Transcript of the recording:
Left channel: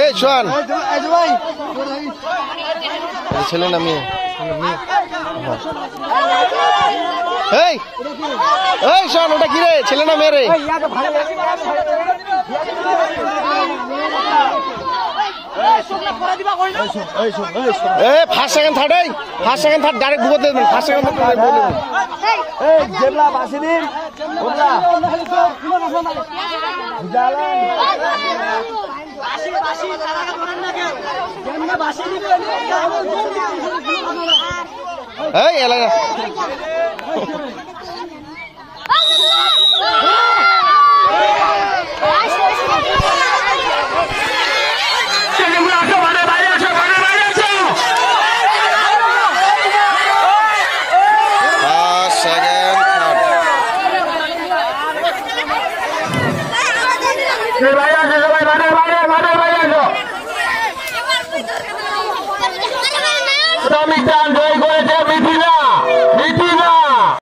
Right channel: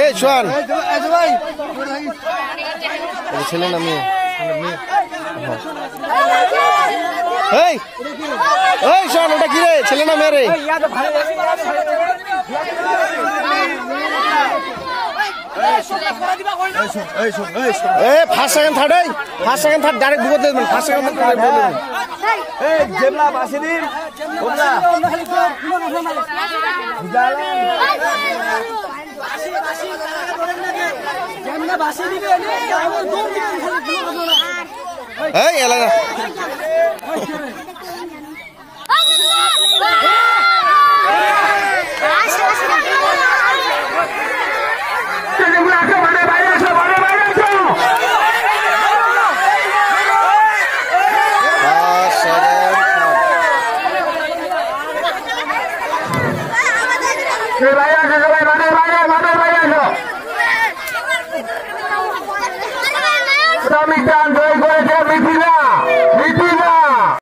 এই শোন ছেলে না মেয়ে এই এই শোন ওটা কি রে ছেলে না মেয়ে রে first second third first second third direct বুঝতে দেবেন ফার্স্ট সেকেন্ড থার্ড বলে দেবেন এই জেবলা বাসি দিন ওলা বুঝালেন এই এলাকা জয় করেছে মিথিলা